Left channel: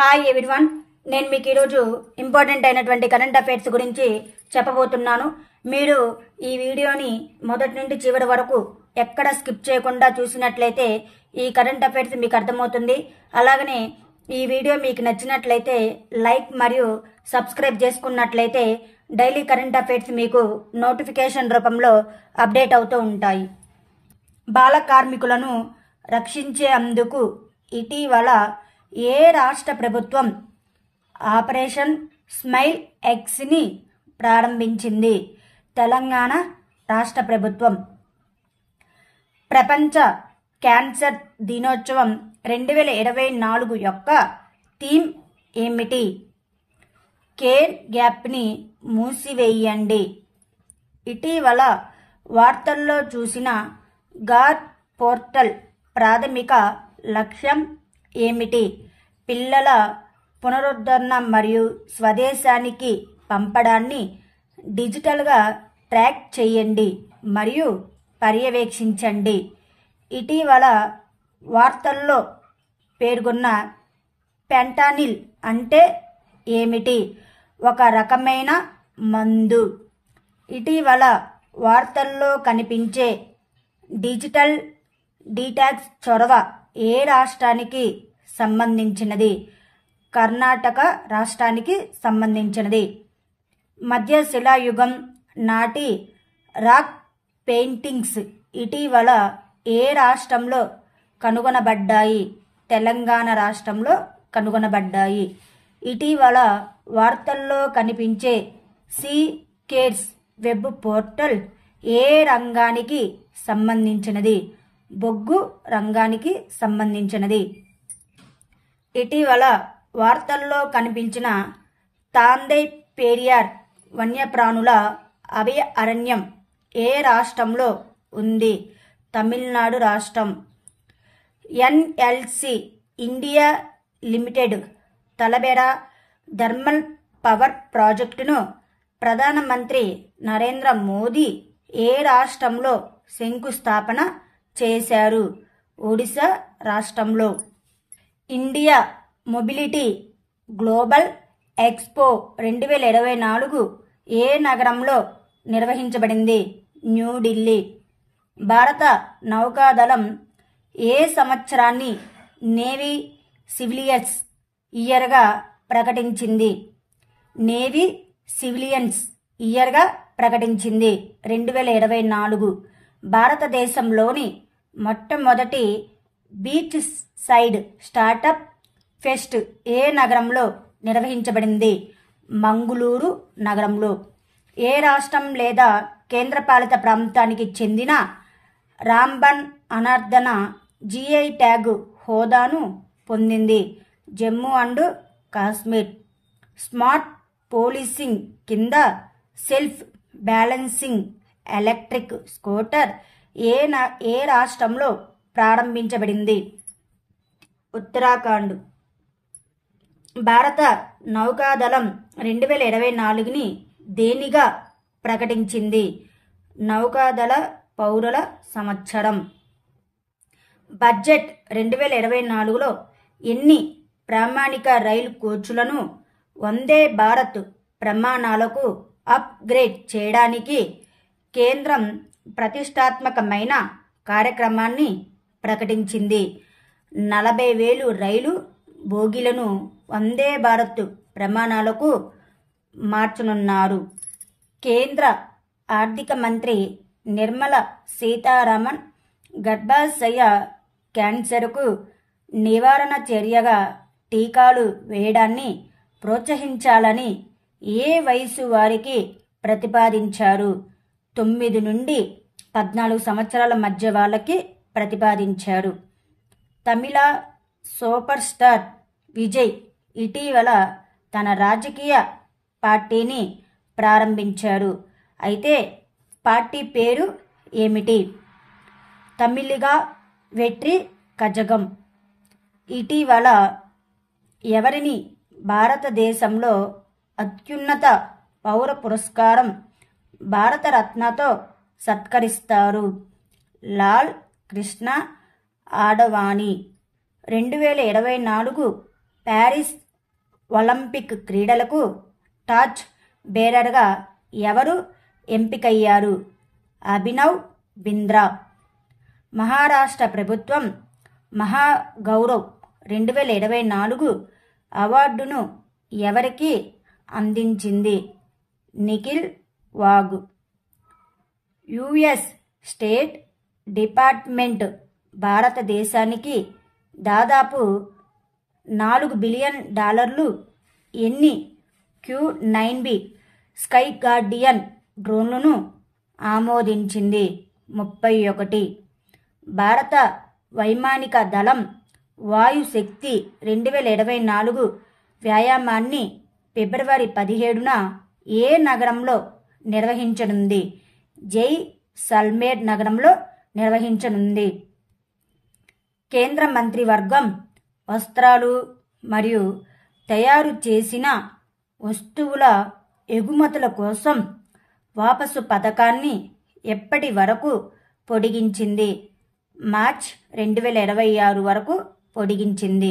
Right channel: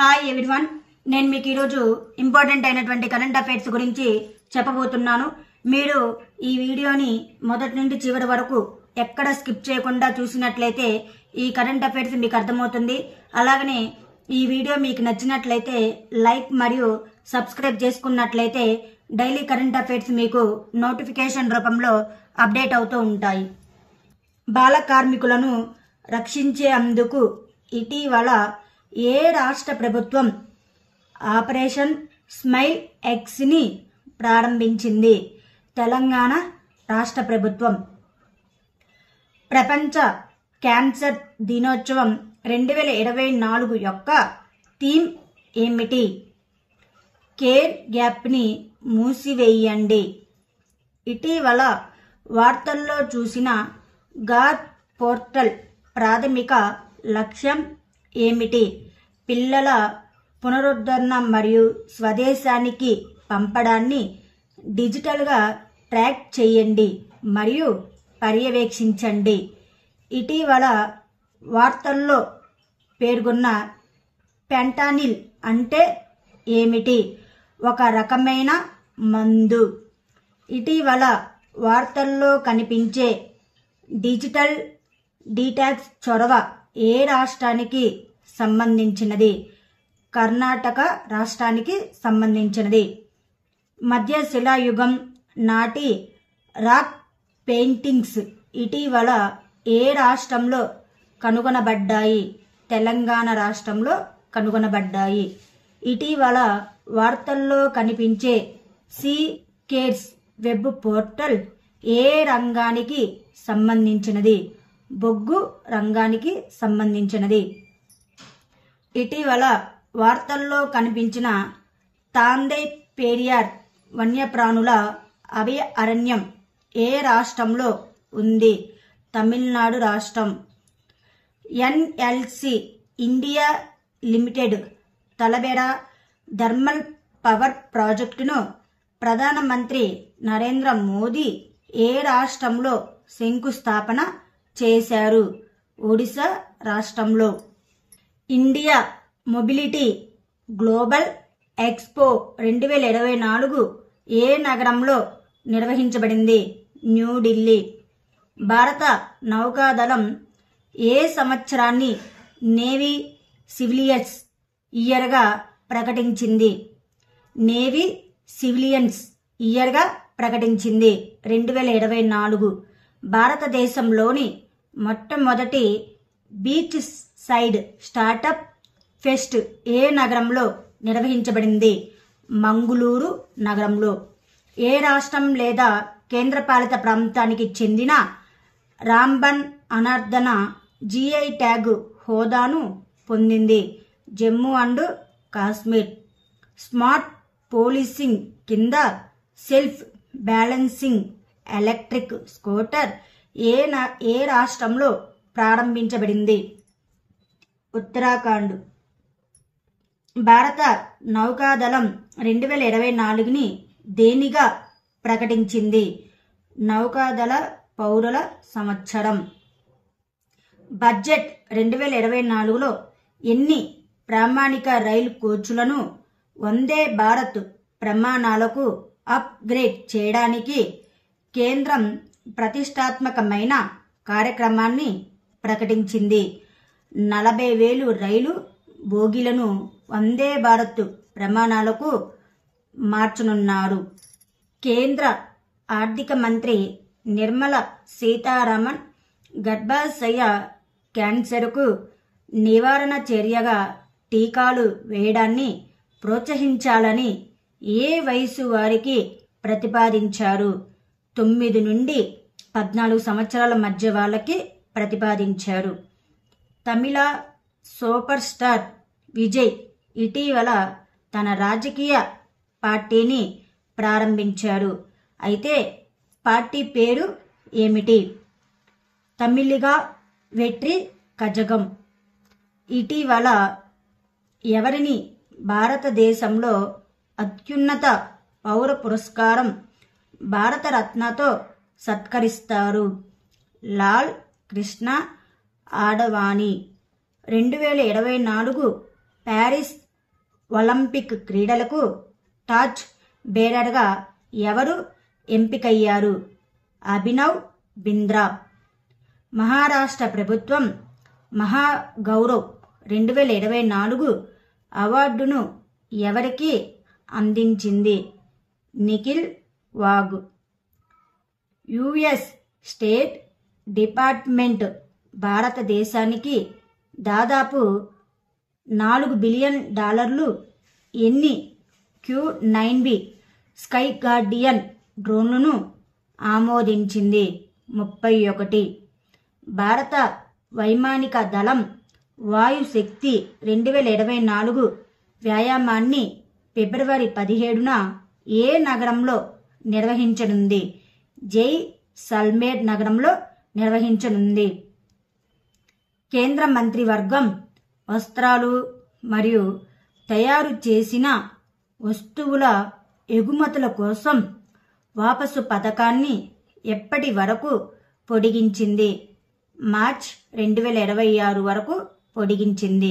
Hi everyone, నేను మీకు ఈరోజు ఇంపార్టెంట్ అయినటువంటి కరెంట్ అఫైర్స్ గురించి చెప్పబోతున్నాను. మీరు ఈ వీడియోని మొదటి నుండి చివరి వరకు ఎక్కడ స్కిప్ చేయకుండా చూసినట్లయితే ఈ కరెంట్ అఫైర్స్ మీకు అర్థమవుతుంది. అలాగనే ఈ వీడియో మీకు నచ్చినట్లయితే లైక్ మరియు సబ్స్క్రైబ్ చేసుకున్నట్లయితే డైలీ కరెంట్ అఫైర్స్ మీకు నోటిఫికేషన్ రూపంలో అప్డేట్ అవుతూ ఉంటాయి. బాల కార్మికులను రక్షించేందుకు ఇటీవల ఏ రాష్ట్ర ప్రభుత్వం ఆపరేషన్ స్మైల్ ఎక్స్ని ప్రారంభించింది? తెలంగాణ రాష్ట్ర ప్రభుత్వం. ప్రపంచ క్యాన్సర్ దినోత్సవం 2024 యొక్క థీమ్ ఏమిటి? కేర్ గ్యాప్ని మూసివేయండి. ఇటీవల వార్తల్లో చూసిన గార్ పోర్టల్ ప్రాథమిక లక్ష్యం ఏమిటి? పిల్లల పునరుద్ధరణ మరియు స్వదేశానికి పంపడాన్ని డిజిటల్గా ట్రాక్ చేయండి మరియు పర్యవేక్షించండి. ఇటీవల వార్తల్లో పేర్కొన్న ఫెంటనిల్ అంటే ఏమిటి? ఒక రకమైన మందు. ఇటీవల వార్తల్లో కనిపించే డిజిటల్ డీటాక్స్ చొరవ ఏ రాష్ట్రానికి సంబంధించినది? కర్ణాటక రాష్ట్రానికి సంబంధించినది. మధ్య శిలాయుగం నాటి రాక్ పెయింటింగ్స్ ఇటీవల ఏ రాష్ట్రంలో కనుగొనబడ్డాయి? తెలంగాణ రాష్ట్రంలో కనుగొనబడ్డాయి. ఇటీవల వార్తల్లో కనిపించే సీ కేర్స్ వెబ్ పోర్టల్ ఏ రంగానికి సంబంధించినది? బొగ్గు రంగానికి సంబంధించినది. ఇటీవల వార్తల్లో కనిపించిన తాందై పెరియార్ వన్యప్రాణుల అభయ అరణ్యం ఏ రాష్ట్రంలో ఉంది? తమిళనాడు రాష్ట్రం. NLC India Limited Talabira thermal power ప్రాజెక్టును ప్రధానమంత్రి నరేంద్ర మోదీ ఏ రాష్ట్రంలో శంకుస్థాపన చేశారు? ఒడిశా రాష్ట్రంలో. ఇండియా మొబిలిటీ గ్లోబల్ ఎక్స్పో 2024 ఏ నగరంలో నిర్వహించబడింది? న్యూఢిల్లీ. భారత నౌకాదళం ఏ సంవత్సరాన్ని నేవీ సివిలియన్స్ ఇయర్గా ప్రకటించింది? నేవీ సివిలియన్స్ ఇయర్గా ప్రకటించింది 2024. భారతదేశంలోని మొట్టమొదటి బీచ్ సైడ్ స్టార్టప్ ఫెస్ట్ ఏ నగరంలో నిర్వహించబడింది? మంగుళూరు నగరంలో. ఏ రాష్ట్రం లేదా కేంద్రపాలిత ప్రాంతానికి చెందిన రాంబన్ అనార్దన జిఐ ట్యాగ్ హోదాను పొందింది? Jammu and Kashmir. Smart policing కింద సెల్ఫ్ బ్యాలెన్సింగ్ ఎలక్ట్రిక్ స్కూటర్ ఏ రాష్ట్రంలో ప్రారంభించబడింది? ఉత్తరాఖండ్. భారత నౌకాదళం 2024ని దేనిగా ప్రకటించింది? నౌకాదళ పౌరుల సంవత్సరం. బడ్జెట్ 2024లో ఎన్ని ప్రామాణిక రైలు కోచ్లను వందే భారత్ ప్రమాణాలకు అప్గ్రేడ్ చేయడానికి కేంద్రం ప్రతిష్టాత్మకమైన కార్యక్రమాన్ని ప్రకటించింది? 40,000 రైలు బోగీలను వందే భారత్ ప్రమాణాలకు మార్చనున్నారు. కేంద్ర ఆర్థిక మంత్రి నిర్మల సీతారామన్ గర్భాశయ క్యాన్సర్కు నివారణ చర్యగా టీకాలు వేయడాన్ని ప్రోత్సహించాలని ఏ వయసు వారికి ప్రతిపాదించారు? 9 నుండి 14 సంవత్సరాల మధ్య వాళ్ళకి ప్రతిపాదించారు. తమిళ సూపర్ స్టార్ విజయ్ ఇటీవల తన రాజకీయ పార్టీని ప్రారంభించారు. అయితే పార్టీ పేరు ఏమిటి? తమిళిగా వెట్రి కజగం. ఇటీవల ఎవరిని భారతదేశంలో అత్యున్నత పౌర పురస్కారం భారతరత్నతో సత్కరిస్తారు? లాల్ కృష్ణ ఆడవాణి. 2024 ప్యారిస్ ఒలింపిక్ క్రీడలకు టార్చ్ బేరర్గా ఎవరు ఎంపికయ్యారు? అభినవ్ బింద్రా. మహారాష్ట్ర ప్రభుత్వం మహాగౌరవ్ 2024 అవార్డును ఎవరికి అందించింది? నిఖిల్ వాగ్. యుఎస్ స్టేట్ డిపార్ట్మెంట్ భారతదేశానికి దాదాపు $4 బిలియన్ ఎన్ని Q9B స్కై గార్డియన్ డ్రోన్లను ఆమోదించింది? 31. భారత వైమానిక దళం వాయుశక్తి 2024 వ్యాయామాన్ని ఫిబ్రవరి 17న ఏ నగరంలో నిర్వహించనుంది? జైసల్మేర్ నగరంలో నిర్వహించనుంది. కేంద్ర మంత్రివర్గం వస్త్రాలు మరియు తయారు చేసిన వస్తువుల ఎగుమతుల కోసం వాపసు పథకాన్ని ఎప్పటి వరకు పొడిగించింది? మార్చ్ 2026 వరకు పొడిగించింది.